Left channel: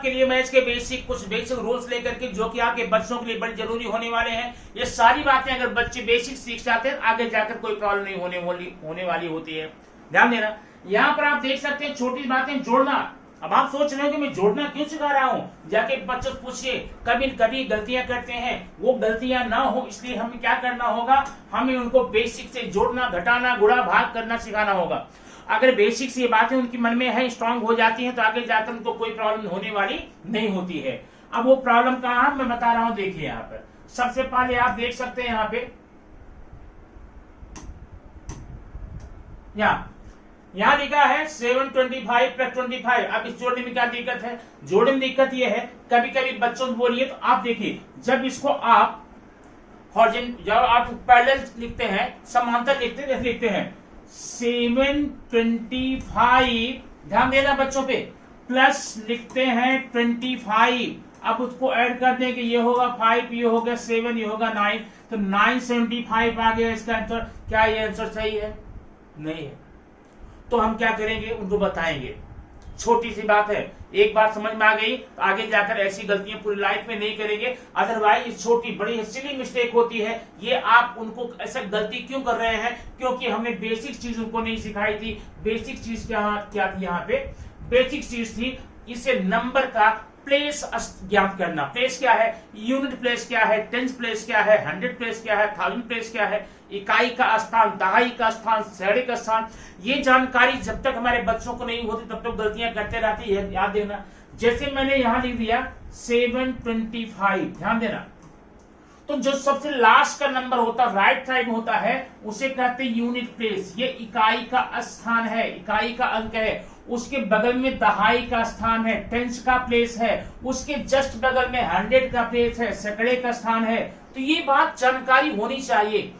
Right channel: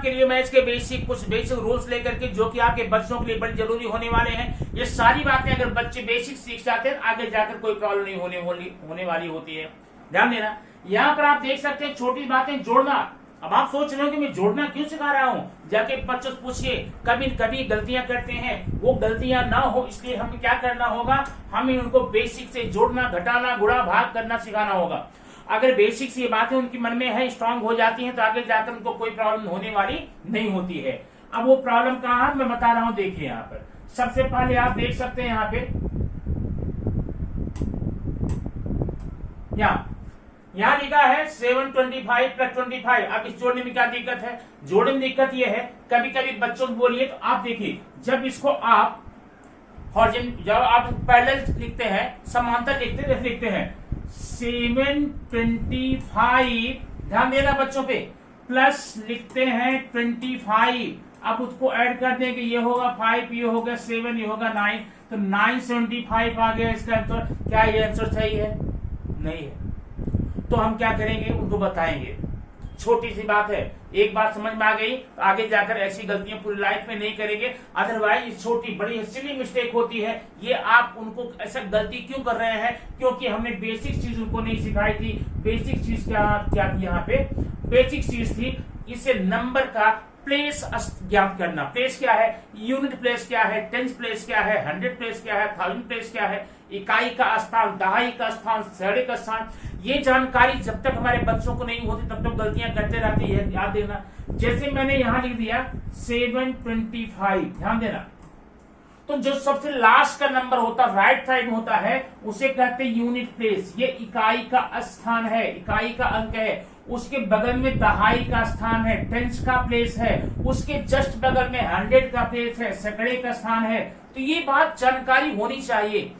आपके लिए मैं इसके कुछ बेसिक रूल्स लेकर के, जो कि आपके बच्चों के लिए बड़ी जरूरी होने वाले हैं। ये सारी बातें अगर बच्चे बेसिक सीख जाते हैं, आगे जाकर कोई प्रॉब्लम नहीं होने वाली होती है। ध्यान देना, यहाँ पर आप देख सकते हैं छोटी बातें जोड़ना। अब आप सोच रहे हो कि मैं जोड़ना क्यों सिखा रहा हूँ, जाके बच्चों से पूछिए। कभी कभी गलतियां करते हैं, वो गलतियां ना हो इसलिए हमें क्या करना होगा, हमें उनको बेसिक से जोड़ना, घटाना, गुणा, भाग करना सिखाना होगा। अगर बेसिक से ये बातें उनकी मन में है, स्ट्रांग हो जाती हैं, तो आगे जाकर उनको कोई प्रॉब्लम होने वाली नहीं होती है। अब वो प्रॉब्लम कहाँ है मैं बता रहा हूँ, देखिए यहाँ पर सबसे पहले आप देख सकते हैं यहाँ पे, यहाँ लिखा है 725 + 25। अब इस जोड़ने में क्या दिक्कत है, जोड़ने में दिक्कत ये है, कभी कभी बच्चों को बोलिए तो आप देखिए, जब इसको आप जब आप पैरेलल लिखते हैं, समांतर लिखते हैं 725, ध्यान देना बच्चों पे, प्लस लिखते हैं 25। अब उसको ऐड कर दें कि ये होगा 5, ये होगा 7, ये होगा 9, तो 975 आ गया इसका आंसर। क्या ये आंसर सही है? नहीं है। तो हम क्या करेंगे, उनको बताएंगे। छोटी सी बात है, एक बात समझ में आ गई तो आगे जाकर ऐसी गलतियां पूरी लाइफ में नहीं करेंगे। अदरवाइज छोटी बड़ी सिली मिस्टेक होती है। ये आप उनको ऐसा गलती क्यों कर रहे हैं, क्योंकि हमने बेसिक चीज उनको नहीं सिखाई थी। बेसिक चीज क्या थी यहाँ पे, बेसिक चीज थी इसे नंबर का प्लेस ज्ञात करना। प्लेस क्या है, यूनिट प्लेस क्या है, टेंस प्लेस क्या है, 100 प्लेस क्या है, 1000 प्लेस क्या है, इकाई का स्थान, दहाई का स्थान, सैकड़े का स्थान। ये जानकारी जब तक हमारे बच्चों को नहीं होती तब तक गलतियां करते रहती है, याद देना। जैसे मैंने यहां लिख दिया 725, ध्यान देना, तो जो सबसे लास्ट का नंबर होता है राइट साइड में होता है, उसे कहते हैं यूनिट प्लेस। ये इकाई का स्थान है, इकाई का अंक है। उसके बगल में दहाई का स्थान है, टेंस का प्लेस है। उसके जस्ट बगल में 100 का प्लेस है, सैकड़े का स्थान है। तो ये बात जानकारी होनी चाहिए,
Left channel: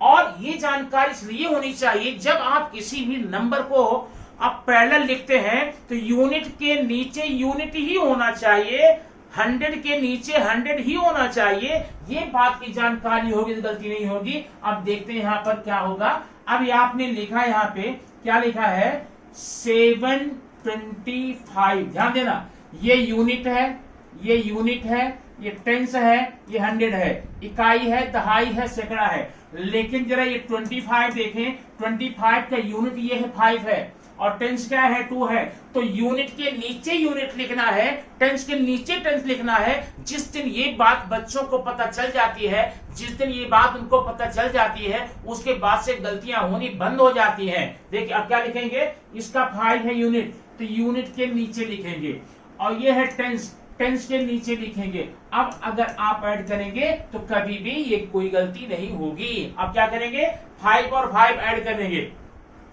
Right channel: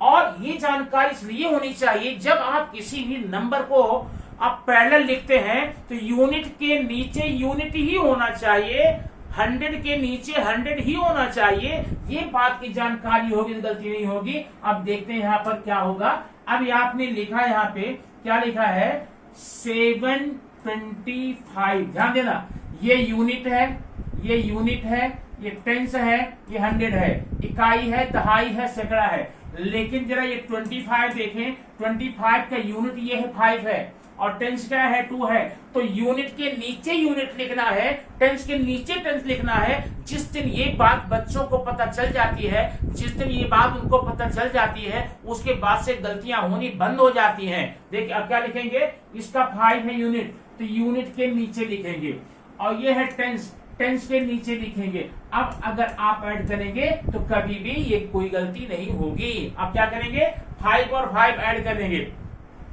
और ये जानकारी इसलिए होनी चाहिए जब आप किसी भी नंबर को आप पैरेलल लिखते हैं तो यूनिट के नीचे यूनिट ही होना चाहिए, 100 के नीचे 100 ही होना चाहिए। ये बात की जानकारी होगी तो गलती नहीं होगी। अब देखते हैं यहाँ पर क्या होगा। अब आपने लिखा यहाँ पे क्या लिखा है, 725, ध्यान देना, ये यूनिट है, ये यूनिट है, ये टेंस है, ये 100 है, इकाई है, दहाई है, सैकड़ा है। लेकिन जरा ये 25 देखें, 25 का यूनिट ये है 5 है, और टेंस क्या है 2 है। तो यूनिट के नीचे यूनिट लिखना है, टेंस के नीचे टेंस लिखना है। जिस दिन ये बात बच्चों को पता चल जाती है, जिस दिन ये बात उनको पता चल जाती है, उसके बाद से गलतियां होनी बंद हो जाती हैं। देखिए अब क्या लिखेंगे, इसका 5 है यूनिट, तो यूनिट के नीचे लिखेंगे, और ये है टेंस, टेंस के नीचे लिखेंगे। अब अगर आप ऐड करेंगे तो कभी भी ये कोई गलती नहीं होगी। अब क्या करेंगे, 5 और 5 ऐड कर देंगे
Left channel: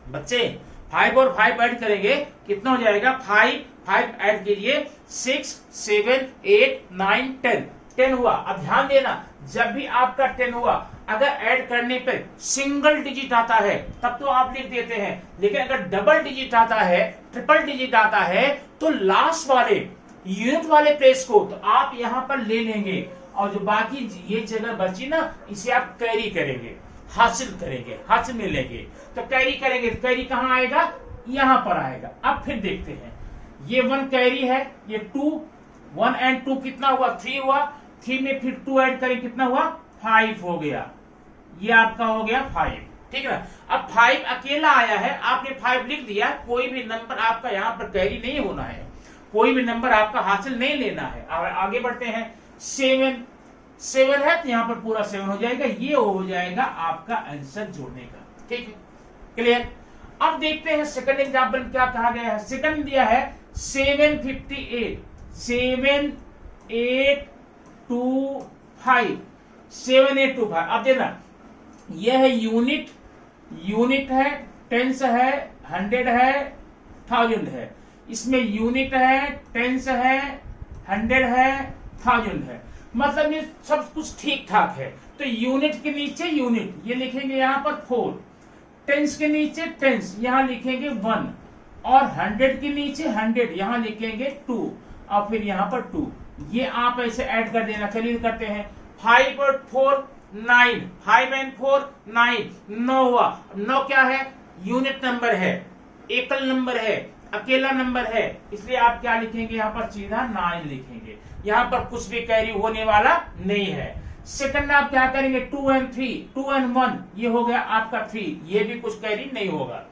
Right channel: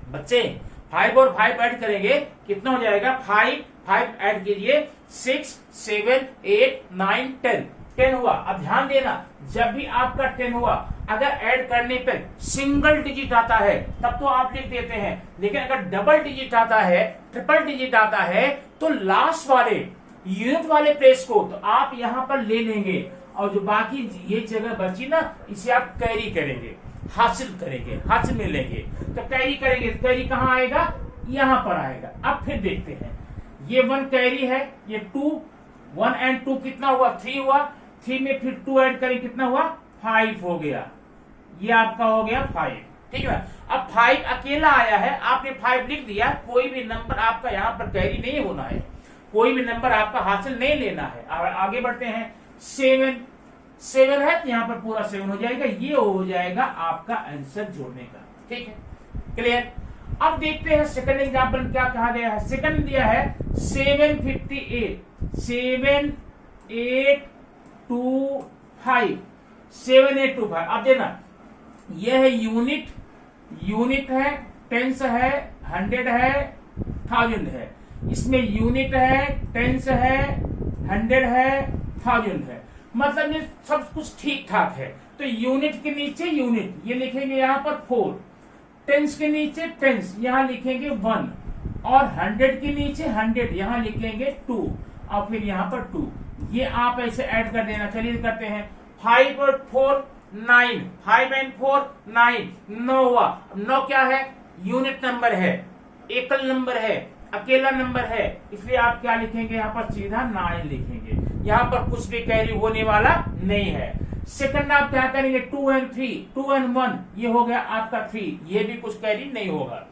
बच्चे, 5 और 5 ऐड करेंगे, कितना हो जाएगा, 5 ऐड कीजिए, 6 7 8 9 10 हुआ। अब ध्यान देना, जब भी आपका 10 हुआ, अगर ऐड करने पर सिंगल डिजिट आता है तब तो आप लिख देते हैं, लेकिन अगर डबल डिजिट आता है, ट्रिपल डिजिट आता है, तो लास्ट वाले यूनिट वाले प्लेस को तो आप यहां पर ले लेंगे, और जो बाकी ये जगह बची ना, इसे आप कैरी करेंगे, हासिल करेंगे, हासिल में लेंगे। तो कैरी करेंगे, कैरी कहां आएगा, यहां पर आएगा। अब फिर देखते हैं, ये 1 कैरी है, ये 2, 1 और 2 कितना हुआ, 3 हुआ। 3 में फिर 2 ऐड करें, कितना हुआ, 5 हो गया। ये आपका हो गया 5, ठीक है ना। अब 5 अकेला आया है, आपने 5 लिख दिया, कोई भी नंबर आपका यहाँ पर कैरी नहीं होना है, कोई भी नंबर आपका हासिल नहीं लेना है। और आगे बढ़ते हैं, 7 है तो यहाँ पर पूरा 7 हो जाएगा, ये हो जाएगा आपका आंसर जोड़ने का, ठीक है, क्लियर। अब देखते हैं सेकंड एग्जाम्पल क्या कहा गया है। सेकंड दिया है 758, 7825, 7825। अब देखना, यह है यूनिट, यूनिट है, टेंस है, 100 है, 1000 है। इसमें यूनिट है, टेंस है, 100 है, 1000 है, मतलब ये सब कुछ ठीक ठाक है। तो यूनिट के नीचे यूनिट ये लिखेंगे यहाँ पर 4, टेंस के नीचे टेंस यहाँ लिखेंगे 1, और 100 के नीचे 100 यहाँ लिखेंगे 2, और फिर यहाँ पर 2। ये आप ऐसे ऐड कर देना। चलिए करते हैं, 5 और 4 9, 5 और 4 9, 9 हुआ। 9 क्या है, यूनिट नंबर है, एकल नंबर है, अकेला नंबर है, इसलिए आप क्या लिखेंगे यहाँ पर सीधा 9 लिखेंगे। यहाँ पर कुछ भी कैरी होने वाला नहीं है। सेकंड आप क्या करेंगे 2 and 3, 2 and 1 ये हो गया आपका 3, ये भी कुछ कैरी नहीं होगा।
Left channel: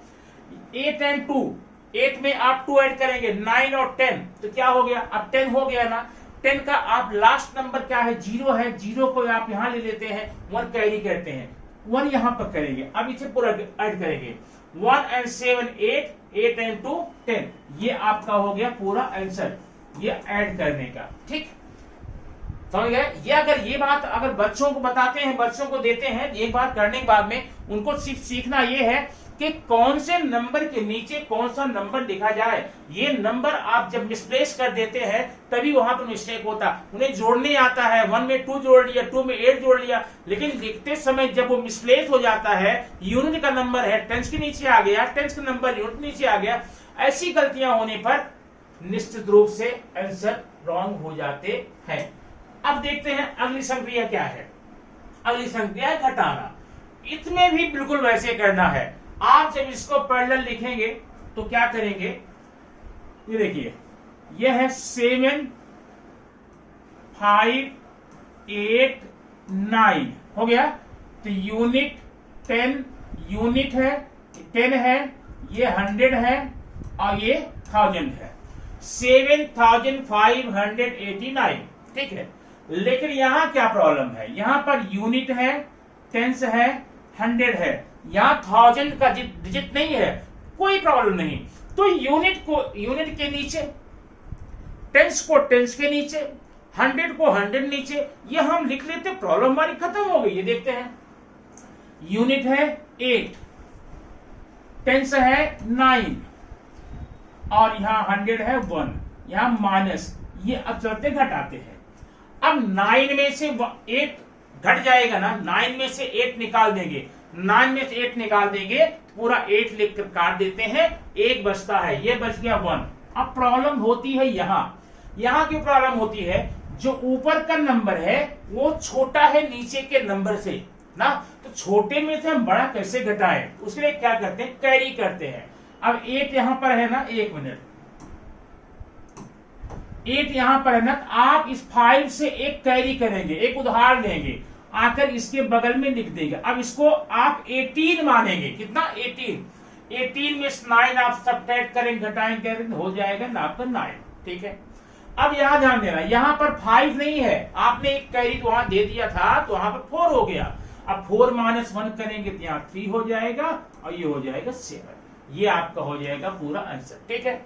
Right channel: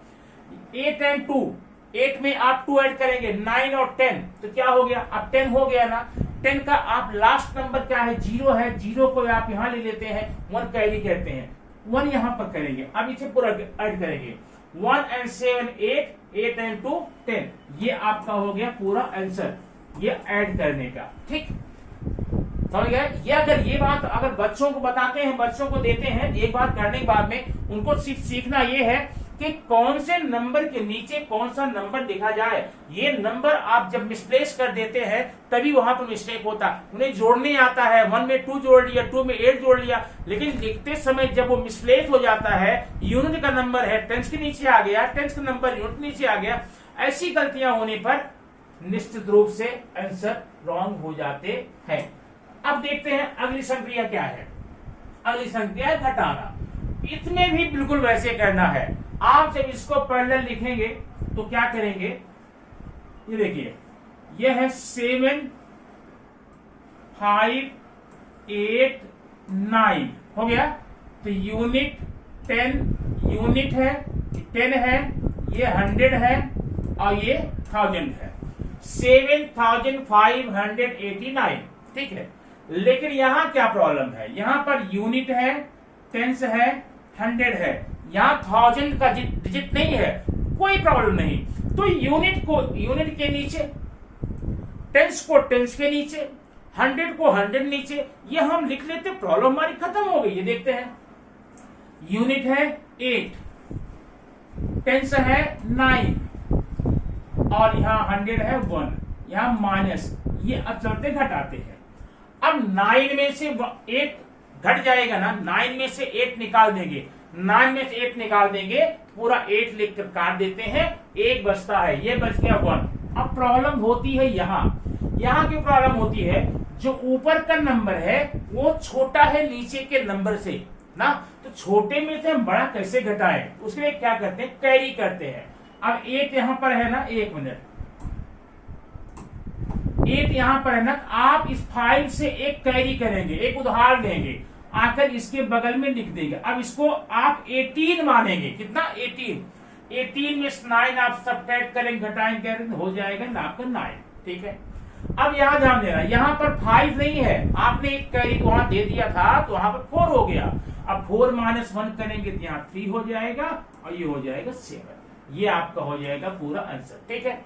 8 and 2, 8 में आप 2 ऐड करेंगे, 9 और 10 तो क्या हो गया, अब 10 हो गया ना। 10 का आप लास्ट नंबर क्या है 0 है, 0 को आप यहां ले लेते हैं, 1 कैरी करते हैं, 1 यहां पर करेंगे। अब इसे पूरा ऐड करेंगे 1 and 7 8, 8 and 2 10, ये आपका हो गया पूरा आंसर ये ऐड करने का। ठीक समझ गए। ये अगर ये बात अगर बच्चों को बताते हैं, बच्चों को देते हैं, एक बार करने के बाद में उनको सिर्फ सीखना ये है कि कौन से नंबर के नीचे कौन सा नंबर लिखा जाए। ये नंबर आप जब मिसप्लेस कर देते हैं तभी वहां पर मिस्टेक होता है। उन्हें जोड़ने आता है, 1 में 2 जोड़ लिया, 2 में 8 जोड़ लिया, लेकिन लिखते समय जब वो मिसप्लेस हो जाता है, यूनिट का नंबर है टेंस के नीचे आ गया, टेंस का नंबर यूनिट के नीचे आ गया, ऐसी गलतियां होने पर निश्चित रूप से आंसर रॉन्ग हो जाते हैं। अब देखते हैं अगली संक्रिया क्या है। अगली संक्रिया है घटाना। इसमें भी बिल्कुल वैसे करना है। आप जब इसको पैरेलल लिखेंगे तो क्या करेंगे, ये देखिए यह है 7 5 8 9 हो गया। तो यूनिट 10 यूनिट है, 10 है, ये 100 है और ये 1000 है। 7589 ठीक है। लेकिन यहां क्या प्रॉब्लम है, यहां पर यूनिट है, टेंस है, 100 है, यहां 1000 का डिजिट नहीं है, कोई प्रॉब्लम नहीं। तो यूनिट को यूनिट के नीचे, टेंस को टेंस के नीचे, 100 को 100 नीचे, ये हम लिख लेते, प्रॉब्लम हमारी खत्म हो गई। ये देखते हैं यूनिट है 8, टेंस है 9 और यहां 100 है 1, यहां माइनस, ये अब चलते घटाते हैं। अब 9 में से 8 घट जाएगा ना, 9 में से 8 निकाल देंगे, 9 में से 8 निकाल देंगे, पूरा 8 लिख कर काट देते हैं, 1 बचता है, ये बच गया 1। अब प्रॉब्लम होती है यहां क्यों प्रॉब्लम होती है, जो ऊपर का नंबर है वो छोटा है नीचे के नंबर से ना, तो छोटे में से हम बड़ा कैसे घटाएं, उसके लिए क्या करते हैं, कैरी करते हैं। अब 8 यहां पर है ना, 1 मिनट, 8 यहां पर है ना, आप इस 5 से एक कैरी करेंगे, एक उदाहरण लेंगे, आकर इसके बगल में लिख देंगे। अब इसको आप 18 मानेंगे, कितना 18 में 9 आप सब्ट्रैक्ट करेंगे, घटाएंगे, हो जाएगा ना आपका 9। ठीक है। अब यहां ध्यान देना, यहां पर 5 नहीं है, आपने एक कैरी वहां दे दिया था तो वहां पर 4 हो गया। अब 4 - 1 करेंगे तो यहाँ 3 हो जाएगा और ये हो जाएगा 7, ये आपका हो जाएगा पूरा आंसर। ठीक है।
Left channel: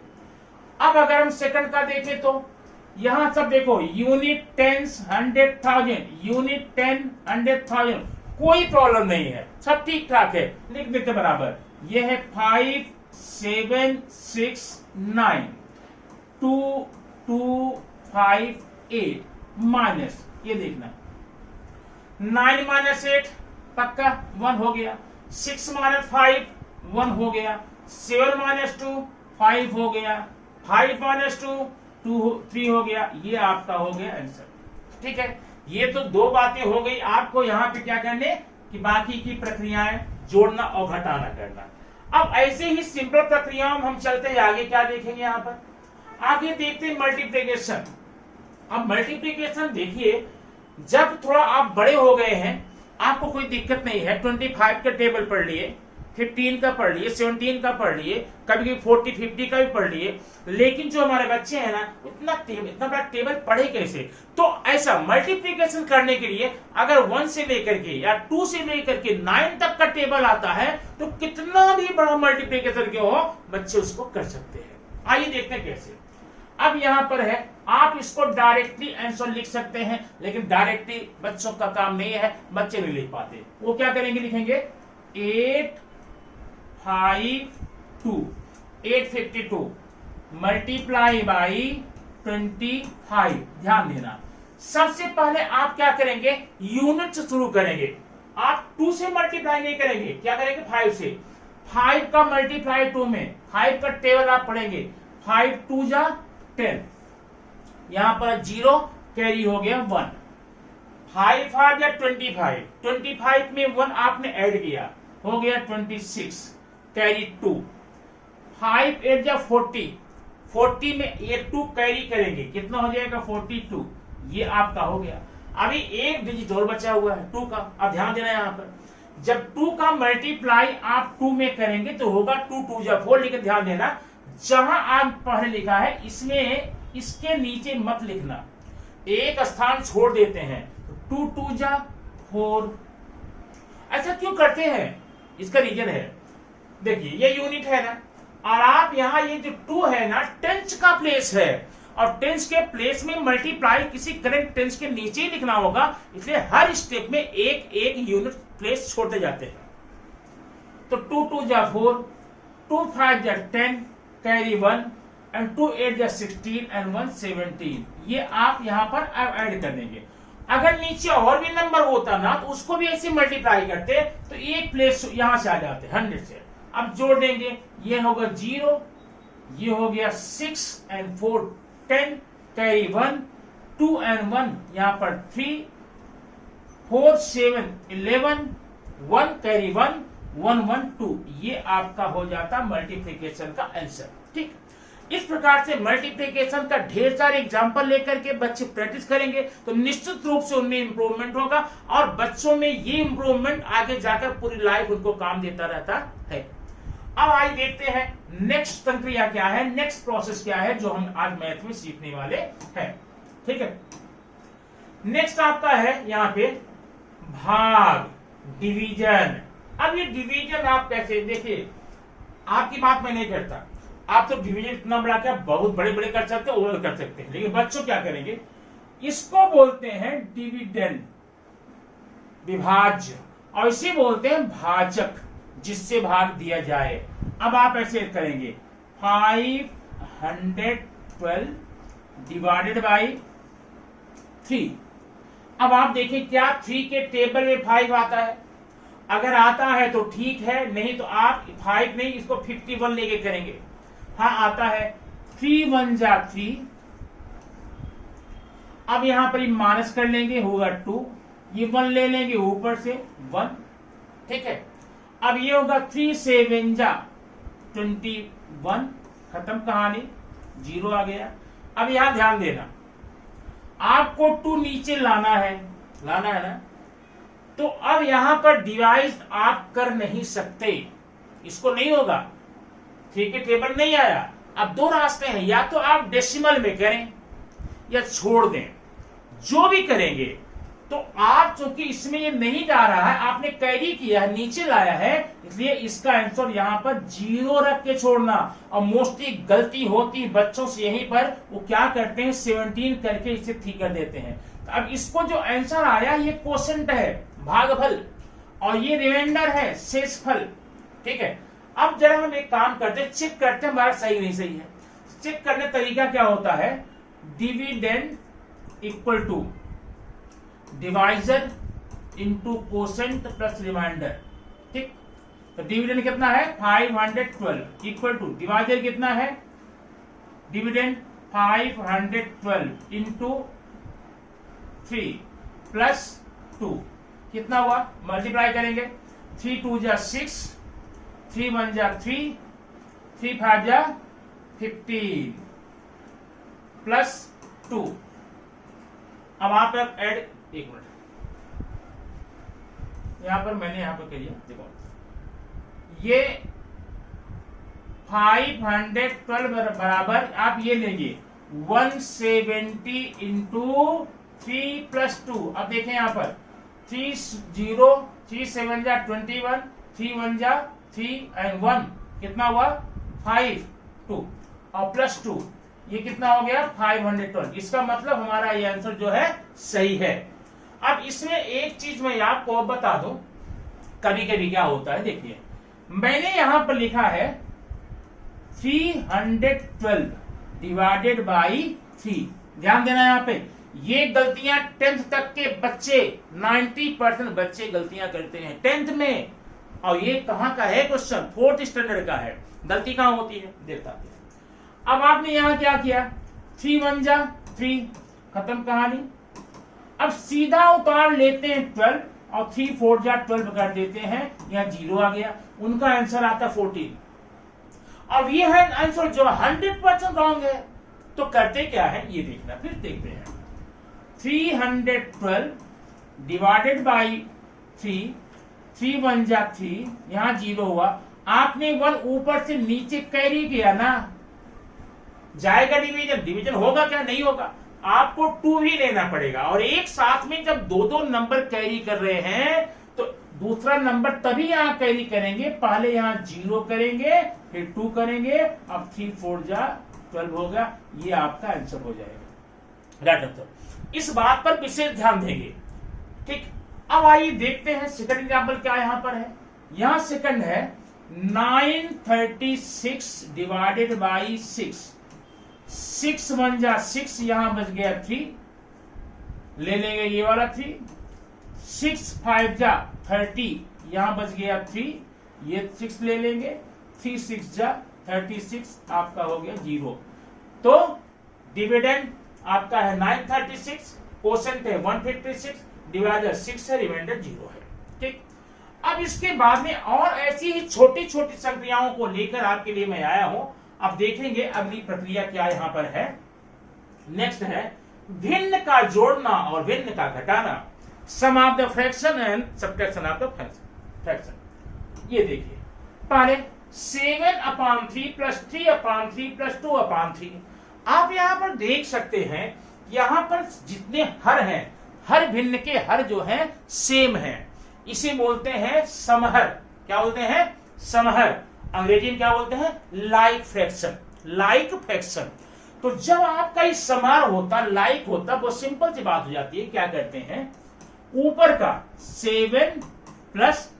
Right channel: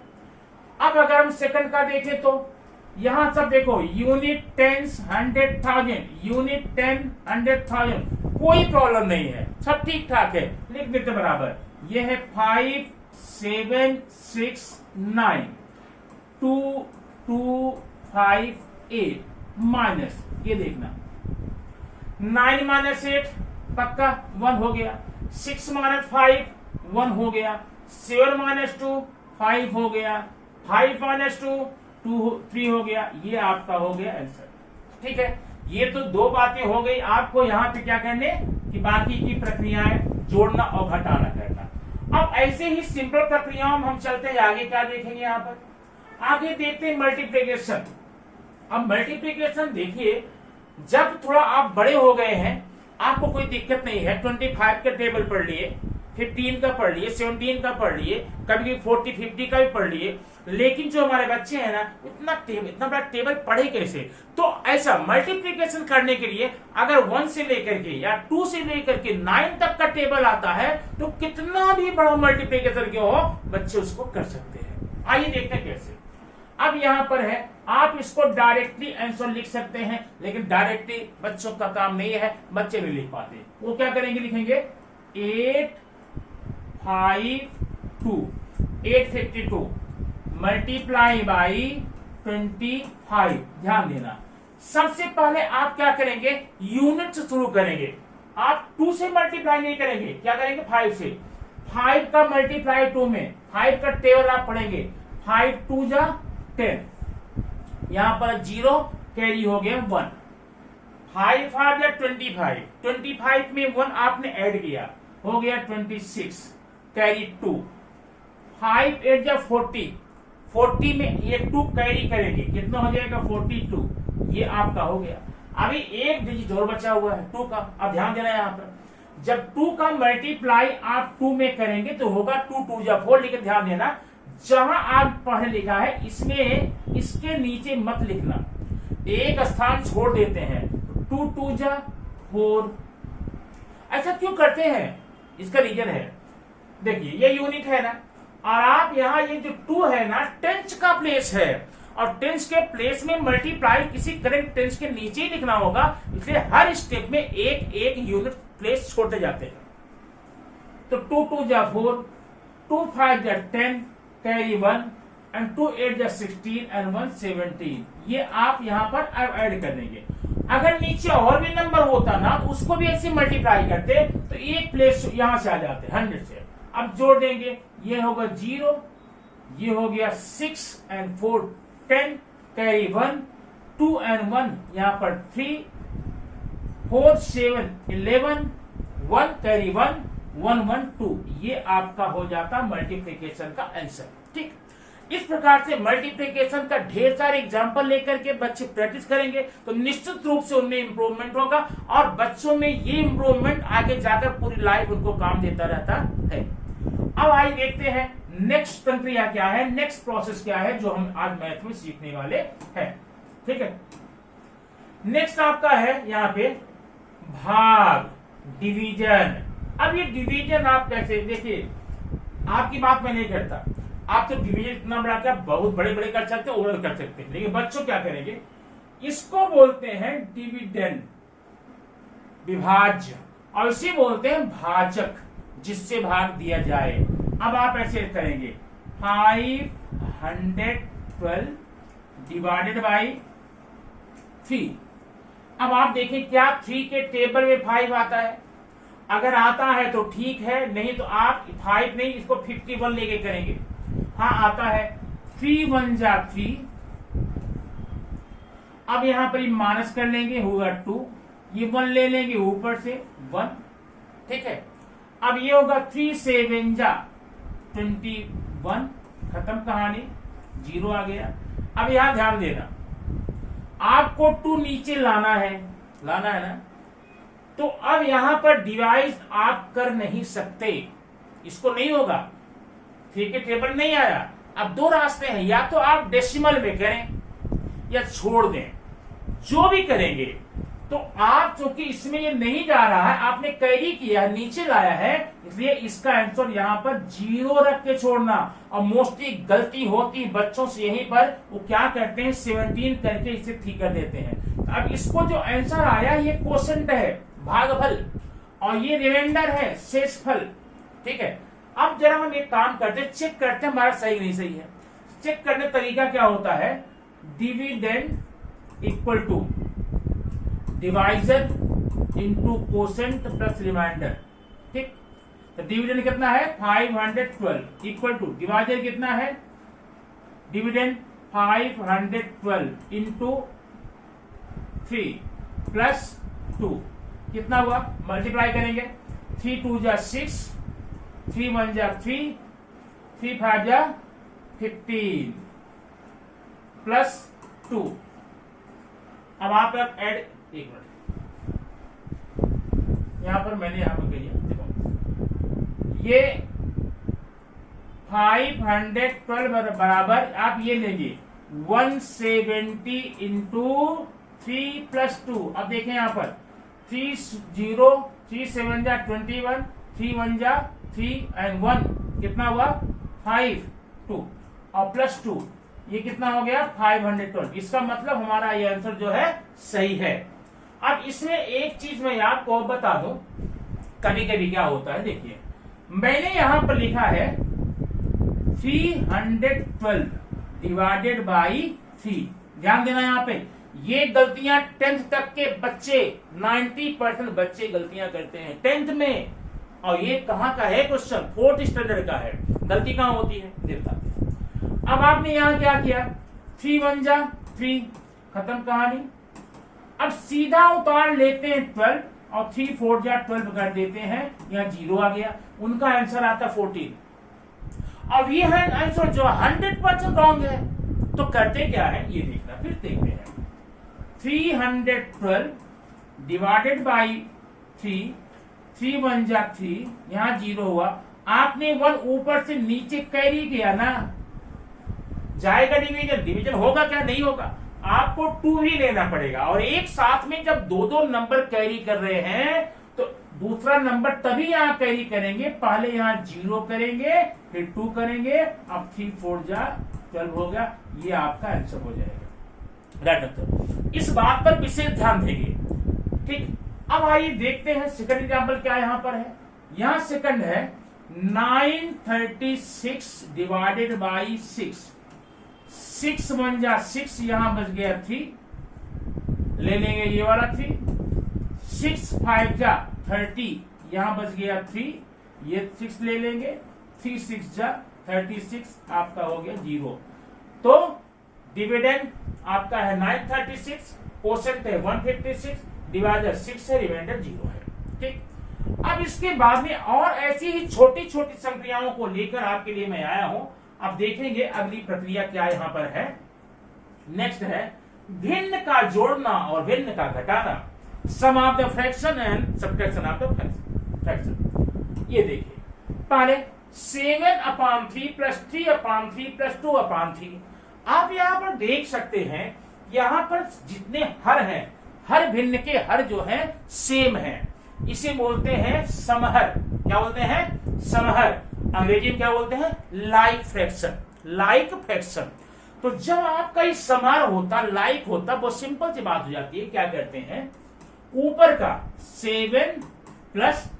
अब अगर हम सेकंड का देखें तो यहां सब देखो, यूनिट, टेंस, 100,000, यूनिट 10 100,000, कोई प्रॉब्लम नहीं है, सब ठीक ठाक है, लिख देते बराबर। ये है 5 7 6 9 2 2 5 8 माइनस, ये देखना 9 - 8 पक्का 1 हो गया, 6 - 5 1 हो गया, 7 - 2 5 हो गया, 5 - 2 3 हो गया, ये आपका हो गया आंसर। ठीक है। ये तो 2 बातें हो गई, आपको यहाँ पे क्या करने कि बाकी की प्रक्रियाएं जोड़ना और घटाना करना। अब ऐसे ही सिंपल प्रक्रियाओं में हम चलते हैं आगे, क्या देखेंगे यहाँ पर आगे देखते हैं मल्टीप्लिकेशन। अब मल्टीप्लिकेशन देखिए, जब थोड़ा आप बड़े हो गए हैं, आपको कोई दिक्कत नहीं है, 25 का टेबल पढ़ लिए, 15 का पढ़ लिए, 17 का पढ़ लिए, कभी 40 50 का भी पढ़ लिए, लेकिन जो हमारे बच्चे हैं ना, इतना बड़ा टेबल पढ़े कैसे। तो ऐसा मल्टीप्लिकेशन करने के लिए अगर 1 से लेकर के या 2 से लेकर के 9 तक का टेबल आता है, तो कितना भी बड़ा मल्टीप्लिकेशन के हो, बच्चे उसको कर सकते हैं। आइए देखते हैं कैसे। अब यहां पर है, आप इसको डायरेक्टली आंसर लिख सकते हैं, लेकिन डायरेक्टली बच्चों का काम नहीं है, बच्चे नहीं लिख पाते। वो क्या करेंगे, लिखेंगे 852 852 मल्टीप्लाई बाई 25। ध्यान देना, सबसे पहले आप क्या करेंगे, यूनिट से शुरू करेंगे। आप 2 से मल्टीप्लाई नहीं करेंगे, क्या करेंगे 5 से। 5 का मल्टीप्लाई 2 में, 5 का टेबल आप पढ़ेंगे, 5 2 जा 10, यहां पर 0 कैरी हो गया 1, 5 5 या 25, 25 में 1 आपने ऐड किया, हो गया 26 कैरी 2, 5 8 जा 40, 40 में ये 2 कैरी करेंगे, कितना हो जाएगा 42, ये आपका हो गया। अभी एक डिजिट और बचा हुआ है 2 का। अब ध्यान देना यहाँ पर, जब 2 का मल्टीप्लाई आप 2 में करेंगे तो होगा 2 2 जा 4, लेकिन ध्यान देना जहां आप पढ़े लिखा है इसमें इसके नीचे मत लिखना, एक स्थान छोड़ देते हैं। 2 2 जा 4, ऐसा क्यों करते हैं? इसका रीजन है, देखिए ये यूनिट है ना, और आप यहाँ ये जो 2 है ना टेंस का प्लेस है, और टेंस के प्लेस में मल्टीप्लाई किसी करेक्ट टेंस के नीचे ही लिखना होगा, इसलिए हर स्टेप में एक एक यूनिट प्लेस छोड़ते जाते हैं। तो 2 2 जा 4, 2 5 जा 10, कैरी 1, एंड 2 8 जा 16 एंड 1 17, ये आप यहाँ पर अब ऐड कर देंगे। अगर नीचे और भी नंबर होता ना तो उसको भी ऐसे मल्टीप्लाई करते तो एक प्लेस यहां से आ जाते 100 से। अब जोड़ देंगे, ये होगा 0, ये हो गया 6 एंड 4 10, कैरी 1, 2 एंड 1 यहां पर 3, 4 7 11, 1 कैरी 1 1 1 2, ये आपका हो जाता मल्टीप्लिकेशन का आंसर। ठीक, इस प्रकार से मल्टीप्लिकेशन का ढेर सारे एग्जाम्पल लेकर के बच्चे प्रैक्टिस करेंगे तो निश्चित रूप से उनमें इंप्रूवमेंट होगा, और बच्चों में ये इंप्रूवमेंट आगे जाकर पूरी लाइफ उनको काम देता रहता है। अब आइए देखते हैं नेक्स्ट प्रक्रिया क्या है, नेक्स्ट प्रोसेस क्या है जो हम आज मैथ में सीखने वाले हैं। ठीक है, नेक्स्ट आपका है यहाँ पे भाग, डिवीजन। अब ये डिवीजन आप कैसे, देखिए आपकी बात मैं नहीं करता, आप तो डिवीजन इतना बड़ा क्या बहुत बड़े बड़े कर सकते हैं, ओवल कर सकते हैं, लेकिन बच्चों क्या करेंगे, इसको बोलते हैं डिविडेंड, विभाज्य, और इसे बोलते हैं भाजक, जिससे भाग दिया जाए। अब आप ऐसे करेंगे 512 डिवाइडेड बाई 3। अब आप देखें क्या 3 के टेबल में 5 आता है, अगर आता है तो ठीक है, नहीं तो आप 5 नहीं इसको 51 लेके करेंगे। हाँ आता है, 3 1 जा 3, अब यहां पर माइनस कर लेंगे, होगा 2, ये 1 ले लेंगे ऊपर से 1। ठीक है, अब ये होगा 3 7 जा 21, खत्म कहानी, 0 आ गया। अब यहां ध्यान देना, आपको 2 नीचे लाना है ना, तो अब यहां पर डिवाइड आप कर नहीं सकते, इसको नहीं होगा, ठीक है, टेबल नहीं आया। अब 2 रास्ते हैं, या तो आप डेसिमल में करें या छोड़ दें, जो भी करेंगे। तो आप चूंकि इसमें ये नहीं जा रहा है, आपने कैरी किया है, नीचे लाया है, इसलिए इसका आंसर यहां पर 0 रख के छोड़ना। और मोस्टली गलती होती बच्चों से यहीं पर, वो क्या करते हैं 17 करके इसे ठीक कर देते हैं। तो अब इसको जो आंसर आया ये क्वोशंट है, भागफल, और ये रिमाइंडर है, शेषफल। ठीक है, अब जरा हम एक काम करते हैं, चेक करते हैं हमारा सही नहीं सही है। चेक करने का तरीका क्या होता है, dividend equal to divisor into quotient plus remainder. ठीक, तो डिविडेंड कितना है 512 इक्वल टू डिवाइजर कितना है, डिविडेंड 512 इंटू 3 प्लस 2 कितना हुआ, मल्टीप्लाई करेंगे, 3 2 जा 6, 3 1 जा 3, 3 5 जा 15 प्लस 2। अब आप ऐड, एक मिनट, यहां पर मैंने यहां पर किया, देखो ये 512 बराबर आप ये लेंगे 170 इंटू 3 प्लस 2। अब देखें यहां पर 3 0, 3 7 जा 21, 3 1 जा 3 एंड 1 कितना हुआ 5 2, और प्लस 2 ये कितना हो गया 512। इसका मतलब हमारा ये आंसर जो है सही है। अब इसमें एक चीज मैं आपको बता दूं, कभी कभी क्या होता है, देखिए मैंने यहां पर लिखा है 312 डिवाइडेड बाई 3। ध्यान देना यहां पे, ये गलतियां 10th तक के बच्चे 90% बच्चे गलतियां करते हैं 10th में, और ये कहां का है क्वेश्चन, 4th स्टैंडर्ड का है, गलती कहां होती है देखता। अब आपने यहां क्या किया, 3 1 जा 3, खत्म कहानी। अब सीधा उतार लेते हैं 12, और 3 4 जा 12 कर देते हैं, यहाँ 0 आ गया, उनका आंसर आता 14। अब ये है आंसर जो 100% रॉन्ग है। तो करते क्या है ये देखना, फिर देखते हैं। 312 डिवाइडेड बाई 3, 3 1 जा 3, यहां 0 हुआ। आपने 1 ऊपर से नीचे कैरी किया ना, जाएगा डिवीजन, डिवीजन होगा क्या, नहीं होगा। आपको 2 ही लेना पड़ेगा। और एक साथ में जब दो दो नंबर कैरी कर रहे हैं तो दूसरा नंबर तभी यहां कैरी करेंगे, पहले यहां 0 करेंगे फिर 2 करेंगे। अब 3 4 जा 12 होगा, ये आपका आंसर हो जाएगा, राइट आंसर। इस बात पर विशेष ध्यान देंगे, ठीक। अब आइए देखते हैं सेकंड एग्जाम्पल क्या यहां पर है। यहां सेकंड है 936 डिवाइडेड बाई 6, 6 1 जा 6, यहां बच गया 3, ले लेंगे ये वाला 3, 6 5 जा 30, यहां बच गया 3, ये 6 ले लेंगे, 3 6 जा 36, आपका हो गया 0। तो डिविडेंड आपका है 936, कोशेंट है 156, डिवाइडर 6 है, रिमाइंडर 0 है, ठीक। अब इसके बाद में और ऐसी ही छोटी छोटी संक्रियाओं को लेकर आपके लिए मैं आया हूं। अब देखेंगे अगली प्रक्रिया क्या यहां पर है। नेक्स्ट है भिन्न का जोड़ना और भिन्न का घटाना, sum of the fraction and subtraction of the fraction. ये देखिए पहले 7/3 प्लस 3/3 प्लस 2/3। आप यहां पर देख सकते हैं यहां पर जितने हर हैं, हर भिन्न के हर जो है सेम है, इसे बोलते हैं समहर। क्या बोलते हैं, समहर। अंग्रेजी में क्या बोलते हैं, लाइक फ्रैक्शन, लाइक फ्रैक्शन। तो जब आपका इस समहर होता, लाइक होता, वो सिंपल सी बात हो जाती है। क्या करते हैं, ऊपर का 7 प्लस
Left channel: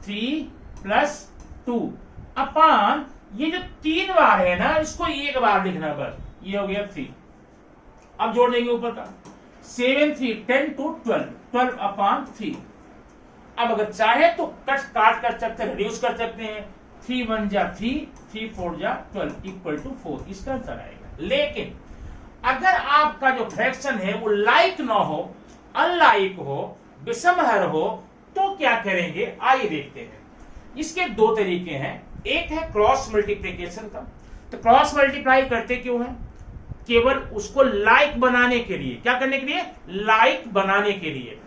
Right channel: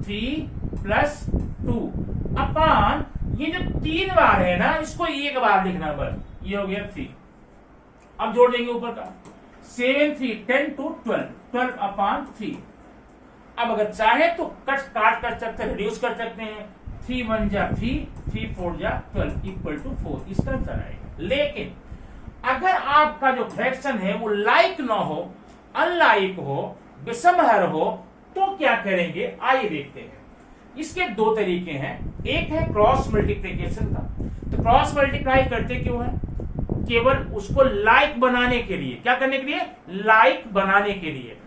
3 प्लस 2 अपान ये जो 3 बार है ना, इसको एक बार लिखना बस, ये हो गया 3। अब जोड़ देंगे ऊपर का 7 3 10 2 12, 12/3। अब अगर चाहे तो काट कर सकते हैं, रिड्यूस कर सकते हैं। 3 1 जा 3, 3 4 जा 12 इक्वल टू 4, इसका आंसर आएगा। लेकिन अगर आपका जो फ्रैक्शन है वो लाइक ना हो, अनलाइक हो, विषमहर हो, तो क्या करेंगे आइए देखते हैं। इसके 2 तरीके हैं। एक है क्रॉस मल्टीप्लीकेशन का। तो क्रॉस मल्टीप्लाई करते क्यों है, केवल उसको लाइक बनाने के लिए। क्या करने के लिए, लाइक बनाने के लिए।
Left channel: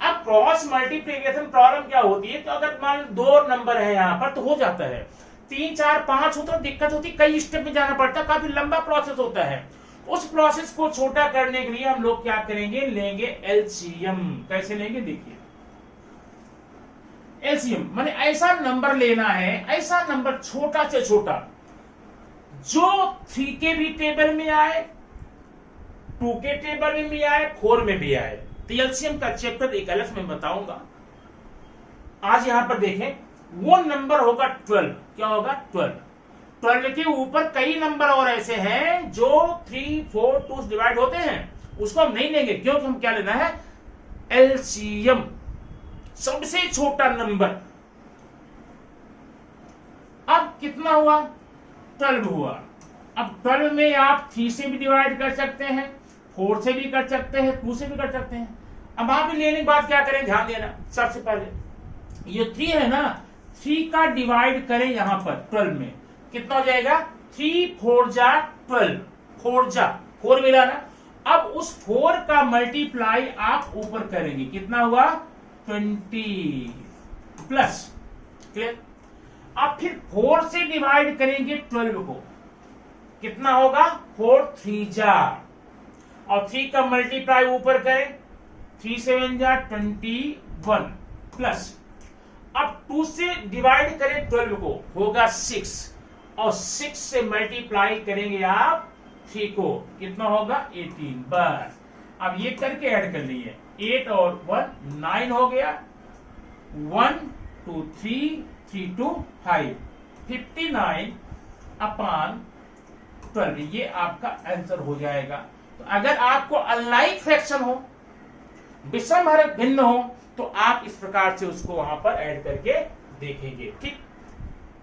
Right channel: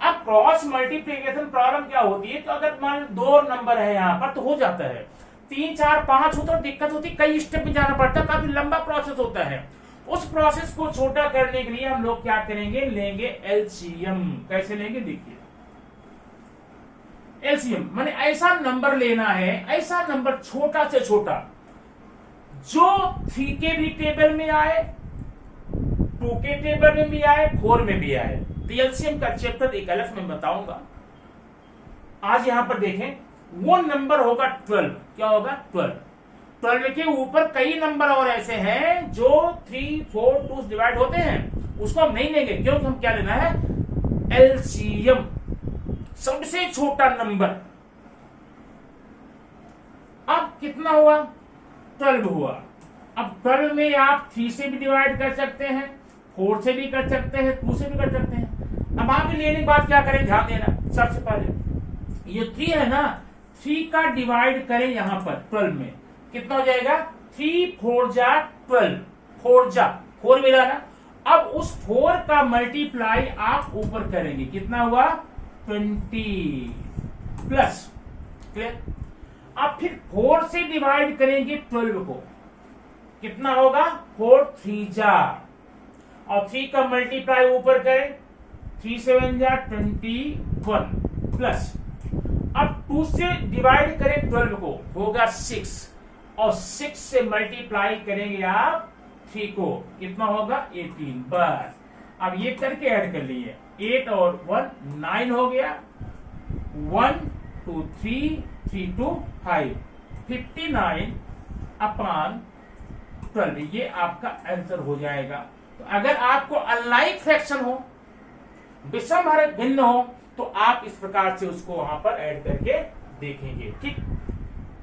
अब क्रॉस मल्टीप्लीकेशन प्रॉब्लम क्या होती है, तो अगर मान लो 2 नंबर है यहां पर तो हो जाता है, 3 4 5 हो तो दिक्कत होती, कई स्टेप में जाना पड़ता है, काफी लंबा प्रोसेस होता है। उस प्रोसेस को छोटा करने के लिए हम लोग क्या करेंगे, लेंगे एलसीएम। कैसे लेंगे देखिए, एलसीएम माने ऐसा नंबर लेना है, ऐसा नंबर छोटा से छोटा जो 3 के भी टेबल में आए, 2 के टेबल में भी आए, 4 में भी आए। तो एलसीएम का चैप्टर एक अलग में बताऊंगा। आज यहां पर देखें, वो नंबर होगा 12। क्या होगा, 12। 12 के ऊपर कई नंबर और ऐसे हैं जो 3 4 2 डिवाइड होते हैं, उसको हम नहीं लेंगे, क्योंकि हम क्या लेना है, एलसीएम, सबसे छोटा नंबर। अब कितना हुआ, 12 हुआ। अब 12 में आप 3 से भी डिवाइड कर सकते हैं, 4 से भी कर सकते हैं, 2 से भी कर सकते हैं। अब आप लेने के बाद क्या करें, ध्यान देना। सबसे पहले ये 3 है ना, 3 का डिवाइड करें यहां पर 12 में, कितना हो जाएगा, 3 4 जा 12, 4 जा 4 मिला ना। अब उस 4 का मल्टीप्लाई आप ऊपर करेंगे, कितना हुआ, 20 प्लस, क्लियर। अब फिर 4 से डिवाइड करेंगे 12 को, कितना होगा, 4 3 जा, और 3 का मल्टीप्लाई ऊपर करें, 3 7 जा 21 प्लस। अब 2 से डिवाइड करें 12 को, होगा 6, और 6 से मल्टीप्लाई करेंगे आप 3 को, कितना होगा, 18। बस अब ये करके ऐड कर लिए, 8 और 1 9 हो गया, 1 2 3 3 2 5, 59/12, ये आपका आंसर हो जाएगा। तो अगर आपको अनलाइक फ्रैक्शन हो, विषमहर भिन्न हो, तो आप इस प्रकार से उसको वहां पर ऐड करके देखेंगे, ठीक।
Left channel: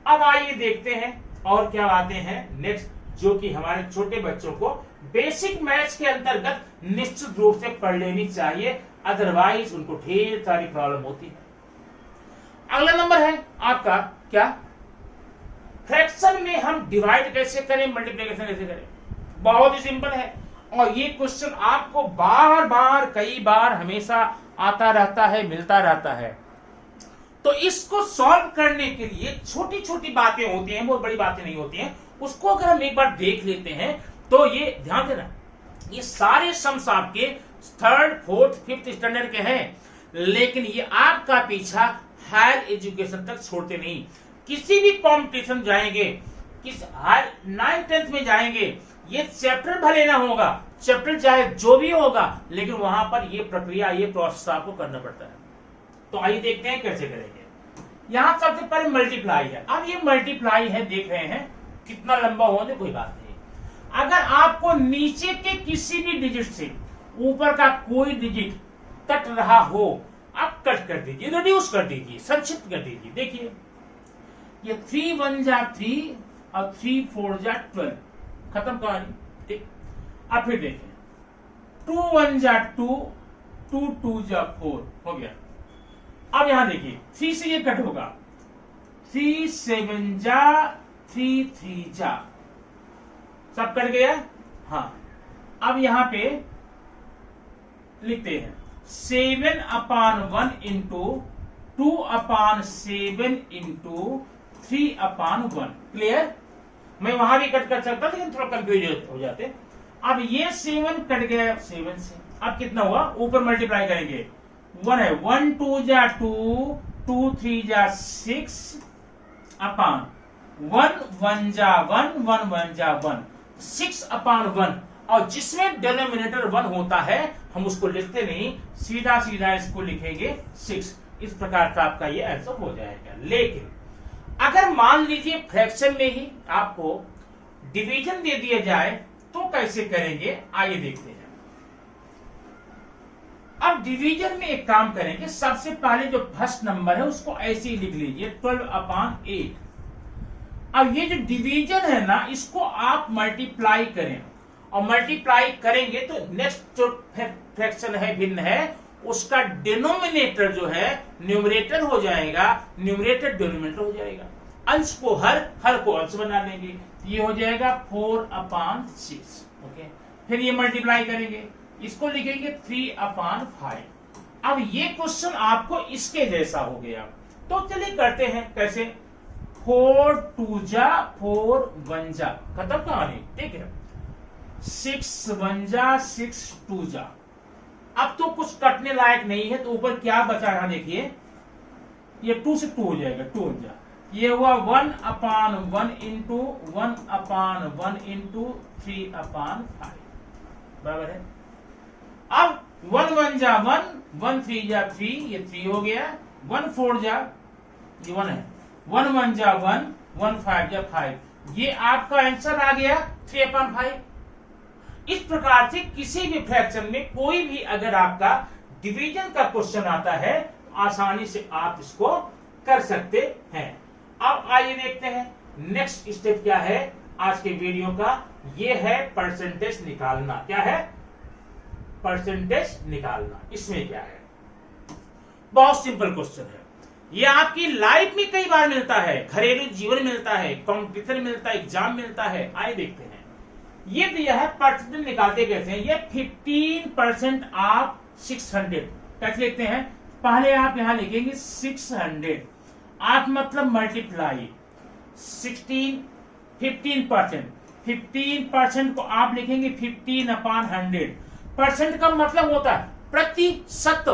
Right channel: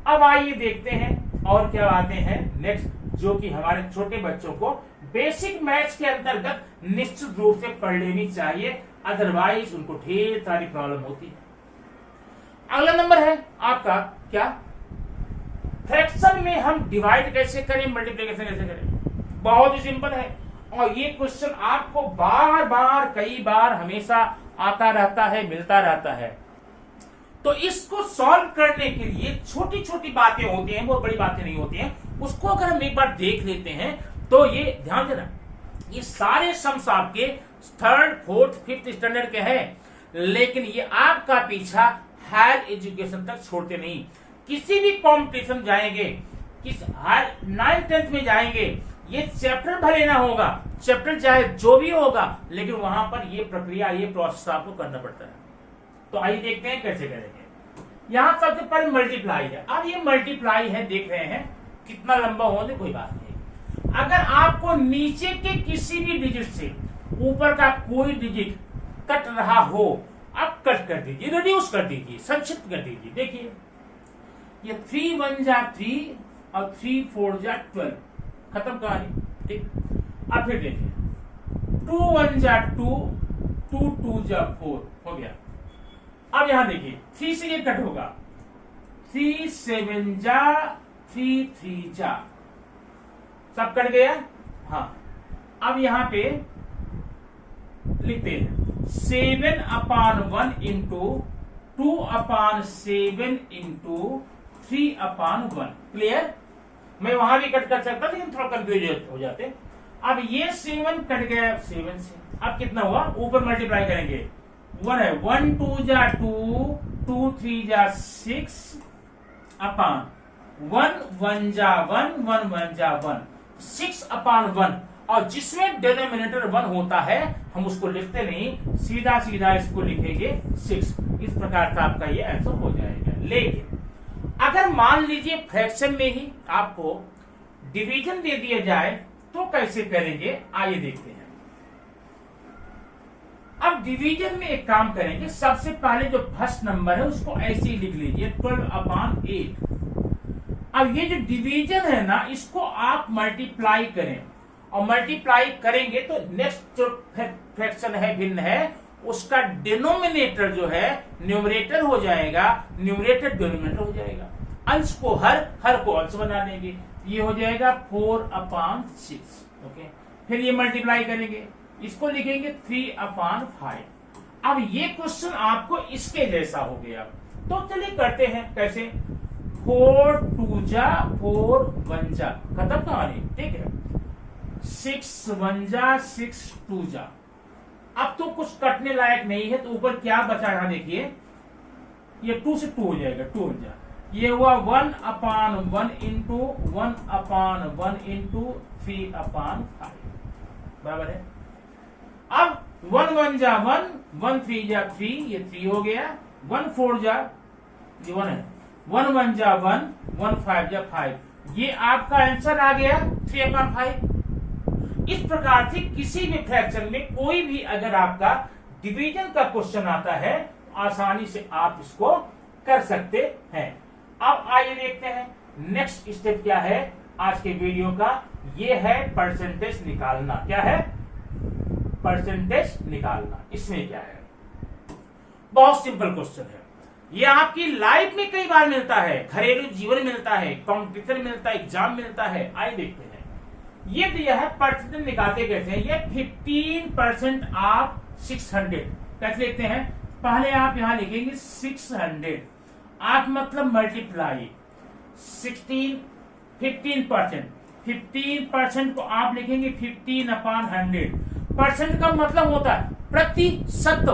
अब आइए देखते हैं और क्या आते हैं नेक्स्ट, जो कि हमारे छोटे बच्चों को बेसिक मैथ्स के अंतर्गत निश्चित रूप से पढ़ लेनी चाहिए, अदरवाइज उनको ढेर सारी प्रॉब्लम होती है। अगला नंबर है आपका क्या, फ्रैक्शन में हम डिवाइड कैसे करें, मल्टीप्लिकेशन कैसे करें, बहुत ही सिंपल है। और ये क्वेश्चन आपको बार बार कई बार हमेशा आता रहता है, मिलता रहता है। तो इसको सॉल्व करने के लिए छोटी छोटी बातें होती हैं, बहुत बड़ी बातें नहीं होती हैं, उसको अगर हम एक बार देख लेते हैं तो ये ध्यान देना, ये सारे सम्स आपके 3rd, 4th, 5th स्टैंडर्ड के हैं, लेकिन ये आपका पीछा हायर एजुकेशन तक छोड़ते नहीं। किसी भी कॉम्पिटिशन जाएंगे, किस हायर 9th, 10th में जाएंगे, ये चैप्टर भले ना होगा, चैप्टर चाहे जो भी होगा, लेकिन वहां पर ये प्रक्रिया, ये प्रोसेस आपको करना पड़ता है। तो आइए देखते हैं कैसे करेंगे। यहां सबसे पहले मल्टीप्लाई है। अब ये मल्टीप्लाई है, देख रहे हैं कितना लंबा होने, कोई बात नहीं। अगर आपको नीचे के किसी भी डिजिट से ऊपर का कोई डिजिट कट रहा हो, आप कट कर दीजिए, रिड्यूस कर दीजिए, संक्षिप्त कर दीजिए। देखिए ये 3 1 जा 3 और 3 4 जा 12, खत्म कहानी। ठीक, अब फिर देखिए 2 1 जा 2, 2 2 जा 4 हो गया। अब यहां देखिए 3 से ये कट होगा, 3 7 जा 3 3 जा, सब कट गया। हाँ, अब यहां पे लिखते हैं 7/1 इंटू 2/7 इंटू 3/1। क्लियर? मैं वहां भी कट कर सकता, लेकिन थोड़ा कंफ्यूज हो जाते। अब ये 7 कट गया 7 से, अब कितना हुआ, ऊपर मल्टीप्लाई करेंगे, 1 है, 1 2 जा 2, 2 3 जा 6 अपान 1 1 जा 1, 1 1 जा 1, 6/1। और जिसमें डिनोमिनेटर 1 होता है हम उसको लिखते नहीं, सीधा सीधा इसको लिखेंगे 6। इस प्रकार का आपका ये आंसर हो जाएगा। लेकिन अगर मान लीजिए फ्रैक्शन में ही आपको डिवीजन दे दिया जाए तो कैसे करेंगे, आइए देखते हैं। अब डिवीजन में एक काम करेंगे, सबसे पहले जो फर्स्ट नंबर है उसको ऐसे ही लिख लीजिए 12/8। अब ये जो डिवीजन है ना, इसको आप मल्टीप्लाई करें, और मल्टीप्लाई करेंगे तो नेक्स्ट जो फ्रैक्शन है, भिन्न है, उसका डिनोमिनेटर जो है न्यूमरेटर हो जाएगा, न्यूमरेटर डिनोमिनेटर हो जाएगा। अंश को हर को अंश बना देंगे, ये हो जाएगा 4/6। ओके, फिर ये मल्टीप्लाई करेंगे, इसको लिखेंगे 3/5। अब ये क्वेश्चन आपको इसके जैसा हो गया, तो चलिए करते हैं कैसे। 4 2 जा 4 1 जा, खत्म कहानी। ठीक है, 6 1 जा 6 2 जा। अब तो कुछ कटने लायक नहीं है, तो ऊपर क्या बचा है देखिए, ये 2 से 2 हो जाएगा, 2 1 जा, ये हुआ 1/1 इंटू 1/1 इंटू 3/5, बराबर है। अब 1 1 जा 1, 1 3 जा 3, ये 3 हो गया, 1 4 जा, ये 1 है, 1 1 जा 1, 1 5 जा 5, ये आपका आंसर आ गया 3/5। इस प्रकार से किसी भी फ्रैक्शन में कोई भी अगर आपका डिवीजन का क्वेश्चन आता है, आसानी से आप इसको कर सकते हैं। अब आइए देखते हैं नेक्स्ट स्टेप क्या है आज के वीडियो का, ये है परसेंटेज निकालना। क्या है? परसेंटेज निकालना। इसमें क्या है, बहुत सिंपल क्वेश्चन है, ये आपकी लाइफ में कई बार मिलता है, घरेलू जीवन मिलता है, कॉम्पिटिशन मिलता है, एग्जाम मिलता है। आइए देखते हैं। ये दिया है परसेंटेज निकालते कैसे हैं, ये 15% ऑफ 600 कैसे लिखते हैं। पहले आप यहां लिखेंगे 600, आप मतलब मल्टीप्लाई 15%। 15% को आप लिखेंगे 15/100। परसेंट का मतलब होता है प्रतिशत,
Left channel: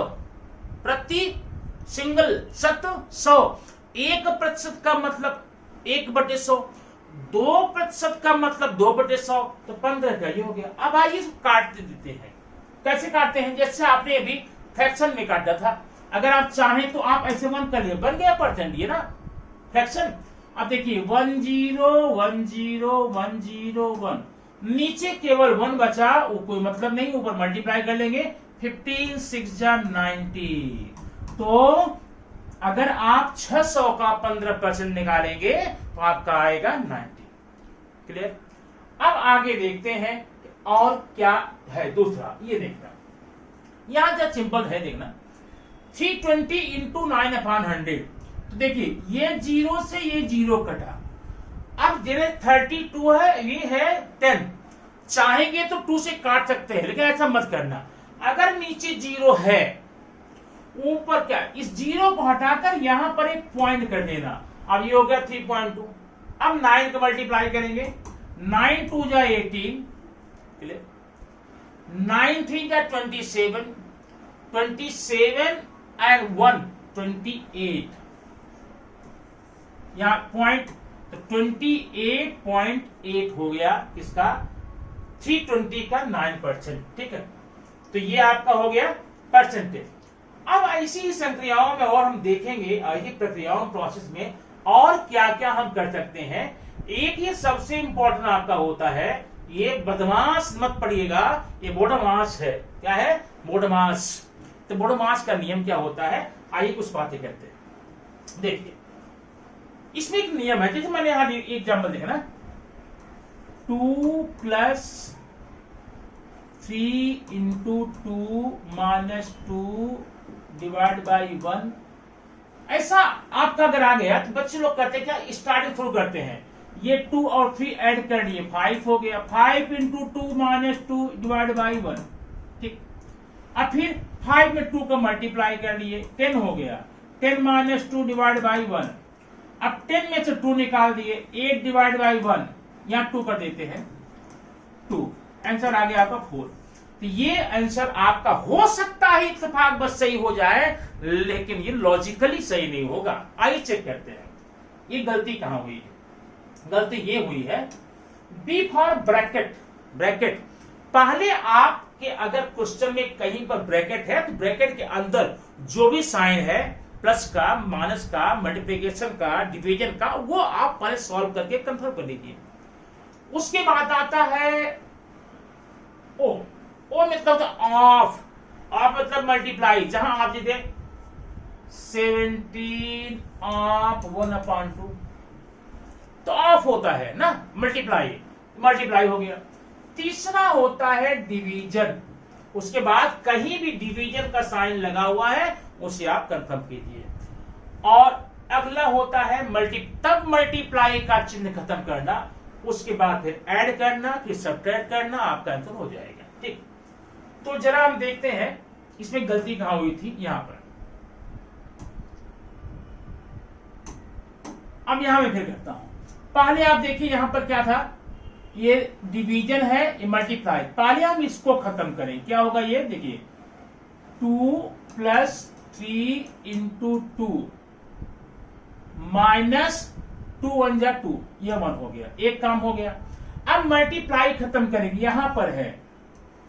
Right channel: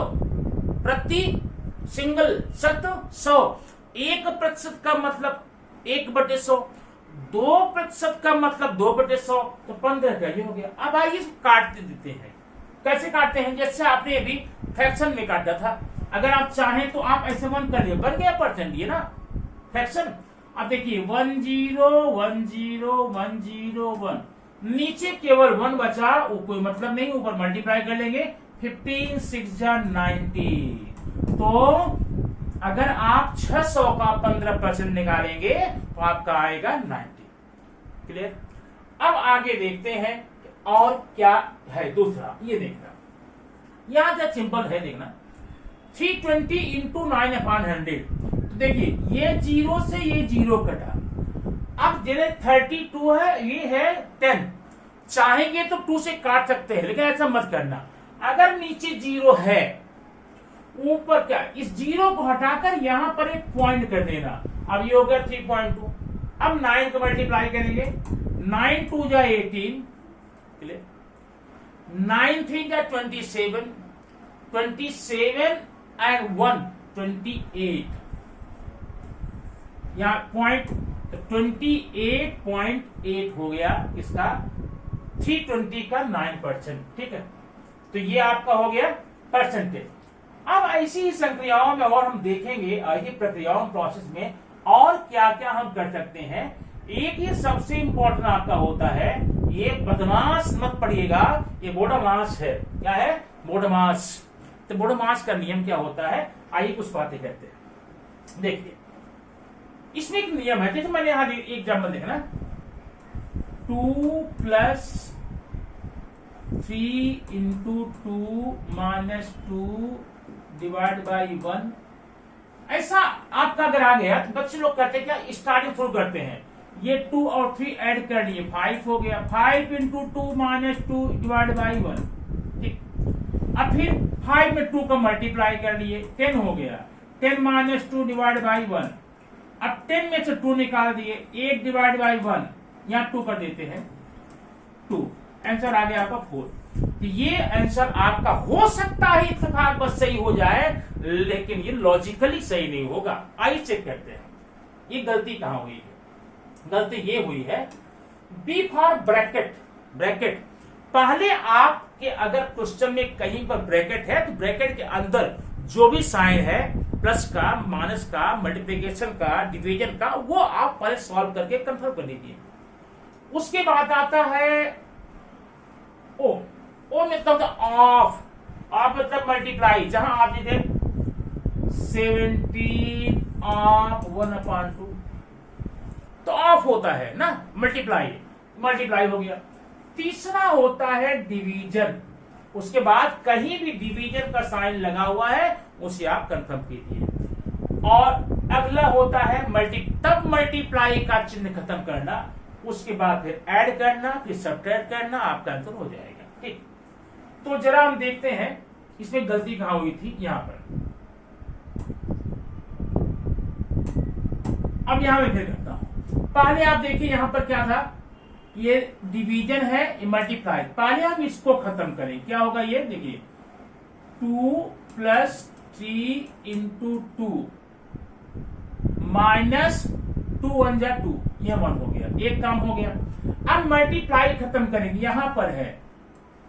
प्रति सिंगल शत 100। 1% का मतलब 1/100, 2% का मतलब 2/100, तो 15 का ये हो गया। अब आइए काट देते हैं। कैसे काटते हैं, जैसे आपने अभी फ्रैक्शन में काटा था, अगर आप चाहें तो आप ऐसे 1 कर लिए, बन गया परसेंट, ये ना फ्रैक्शन। अब देखिए 10 10 10 1, नीचे केवल 1 बचा, कोई मतलब नहीं, ऊपर मल्टीप्लाई कर लेंगे, 15 6 जा 90। तो अगर आप 600 का 15% निकालेंगे तो आपका आएगा 90। क्लियर? अब आगे देखते हैं और क्या है दूसरा, ये देखना, यहां जब सिंपल है देखना, 320 इंटू 9/100। तो देखिए ये 0 से ये 0 कटा, अब जिन्हें 32 है, ये है 10, चाहेंगे तो 2 से काट सकते हैं, लेकिन ऐसा मत करना। अगर नीचे 0 है, ऊपर क्या, इस 0 को हटाकर यहां पर एक पॉइंट कर देना। अब ये हो गया 3.2। अब 9 को मल्टीप्लाई करेंगे, 9 2 जा 18, 9 3 जा 27, 27 एंड 1 28, यहां पॉइंट, तो 28.8 हो गया इसका 320 का 9%। ठीक है, तो ये आपका हो गया परसेंटेज। अब ऐसी ही संक्रियाओं में और हम देखेंगे, ऐसी प्रक्रियाओं प्रोसेस में और क्या क्या हम कर सकते हैं। एक ये सबसे इंपॉर्टेंट आपका होता है, ये बदमाश मत पढ़िएगा, ये बोडोमास है। क्या है? बोडोमास। तो बोडोमास का नियम क्या होता है, आइए कुछ बातें करते हैं। देखिए, इसमें एक नियम है, जैसे मैंने यहां एग्जाम्पल देखना, 2 + 3 × 2 - 2 डिवाइड बाई 1, ऐसा आपका अगर आ गया तो बच्चे लोग करते क्या, स्टार्टिंग शुरू करते हैं, ये 2 और 3 ऐड कर लिए, 5 हो गया, 5 × 2 - 2 डिवाइड बाई 1। ठीक, अब फिर 5 में 2 को मल्टीप्लाई कर लिए, 10 हो गया, 10 - 2 डिवाइड बाई 1। अब 10 में से 2 निकाल दिए, 8 डिवाइड बाई 1, यहां 2 कर देते हैं, 2, आंसर आ गया आपका 4। तो ये आंसर आपका हो सकता है इत्तेफाक बस सही हो जाए, लेकिन ये लॉजिकली सही नहीं होगा। आइए चेक करते हैं ये गलती कहां हुई है। गलती ये हुई है, बी फॉर ब्रैकेट। ब्रैकेट पहले आपके अगर क्वेश्चन में कहीं पर ब्रैकेट है तो ब्रैकेट के अंदर जो भी साइन है, प्लस का, माइनस का, मल्टीप्लिकेशन का, डिवीजन का, वो आप पहले सॉल्व करके कंफर्म कर लीजिए। उसके बाद आता है ओ। ओ मतलब ऑफ, ऑफ मतलब मल्टीप्लाई, जहां आप देते 17 ऑफ 1/2, तो ऑफ होता है ना, मल्टीप्लाई, मल्टीप्लाई हो गया। तीसरा होता है डिवीजन, उसके बाद कहीं भी डिवीजन का साइन लगा हुआ है उसे आप कंफर्म कीजिए। और अगला होता है तब मल्टीप्लाई का चिन्ह खत्म करना, उसके बाद फिर ऐड करना, फिर सब्ट्रैक्ट करना, आपका आंसर हो जाएगा। ठीक, तो जरा हम देखते हैं इसमें गलती कहां हुई थी। यहां पर अब यहां मैं फिर करता हूं। पहले आप देखिए यहां पर क्या था, ये डिवीजन है, ये मल्टीप्लाई। पहले हम इसको खत्म करें, क्या होगा ये देखिए, 2 + 3 × 2 - 2 1 जा 2, ये 1 हो गया, एक काम हो गया। अब मल्टीप्लाई खत्म करेंगे, यहां पर है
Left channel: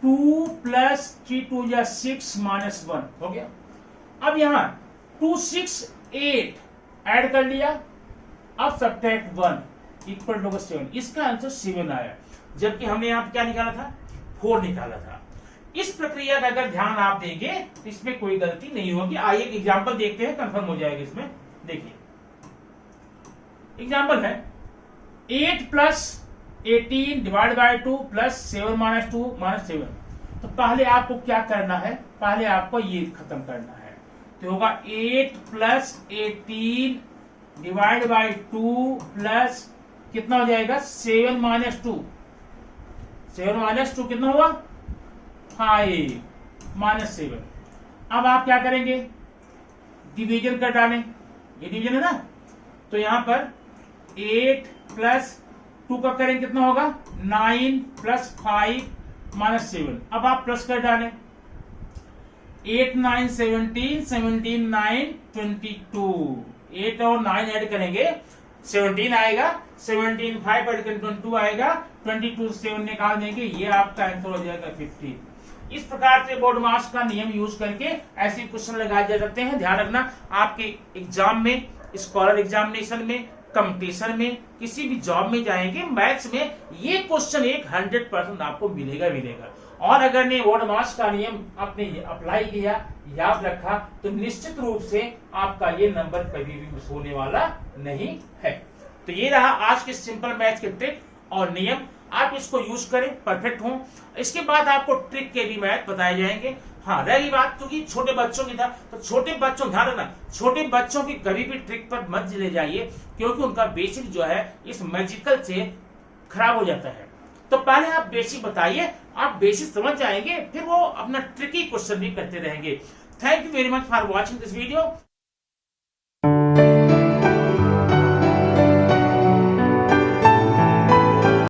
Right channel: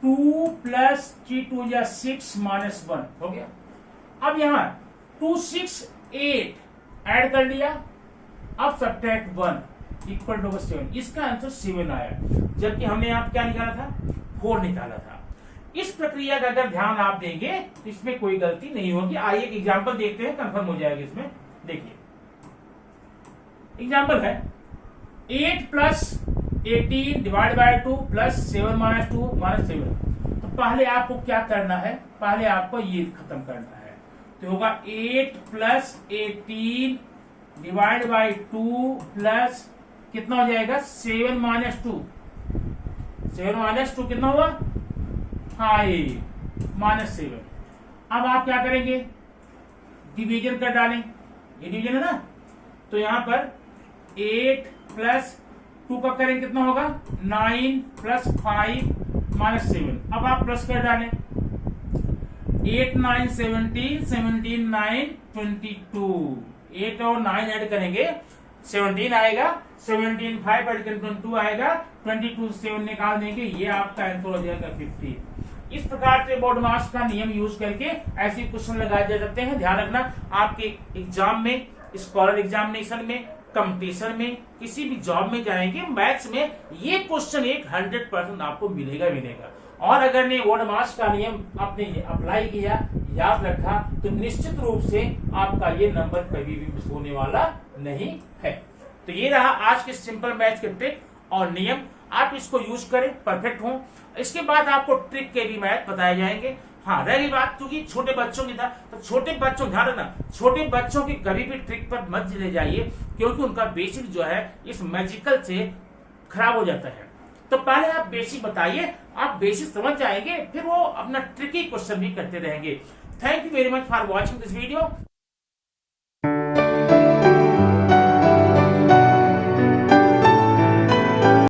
2 + 3 2 जा 6 - 1 हो गया। अब यहां 2 6 8 ऐड कर लिया, अब सब्ट्रैक्ट 1 = 7, इसका आंसर 7 आया, जबकि हमने यहां क्या निकाला था, 4 निकाला था। इस प्रक्रिया का अगर ध्यान आप देंगे तो इसमें कोई गलती नहीं होगी। आइए एक एग्जांपल देखते हैं, कंफर्म हो जाएगा इसमें। देखिए एग्जांपल है 8 + 18 डिवाइड बाय 2 + 7 - 2 - 7। तो पहले आपको क्या करना है, पहले आपको ये खत्म करना है, तो होगा 8 + 18 डिवाइड बाय 2 प्लस कितना हो जाएगा, 7 - 2, 7 - 2 कितना हुआ, 5 - 7। अब आप क्या करेंगे, डिवीजन कर डालें, ये डिवीजन है ना, तो यहां पर 8 + 2 का करें कितना होगा, 9 + 5 - 7। अब आप प्लस कर डालें, 8 9 17, 17 9 22, 8 और 9 ऐड करेंगे 17 आएगा, 17 5 ऐड करेंगे 22 आएगा, 22 से 7 निकाल देंगे, ये आपका आंसर हो जाएगा 50। इस प्रकार से बोर्डमास का नियम यूज करके ऐसे क्वेश्चन लगाए जा सकते हैं। ध्यान रखना, आपके एग्जाम में, स्कॉलर एग्जामिनेशन में, कंपटीशन में, किसी भी जॉब में जाएंगे, मैथ्स में ये क्वेश्चन 100% आपको मिलेगा। और अगर ने बोर्डमास का नियम आपने अप्लाई किया, याद रखा, तो निश्चित रूप से आपका ये नंबर कभी भी मिस होने वाला नहीं है। तो ये रहा आज के सिंपल मैथ्स के ट्रिक और नियम, आप इसको यूज करें, परफेक्ट हो। इसके बाद आपको ट्रिक के भी मैथ बताए जाएंगे। हाँ, रही बात क्योंकि छोटे बच्चों की था, तो छोटे बच्चों, ध्यान रखना, छोटे बच्चों की कभी भी ट्रिक पर मत ले जाइए, क्योंकि उनका बेसिक जो है इस मैजिकल से खराब हो जाता है। तो पहले आप बेसिक बताइए, आप बेसिक समझ जाएंगे, फिर वो अपना ट्रिकी क्वेश्चन भी करते रहेंगे। Thank you very much for watching this video.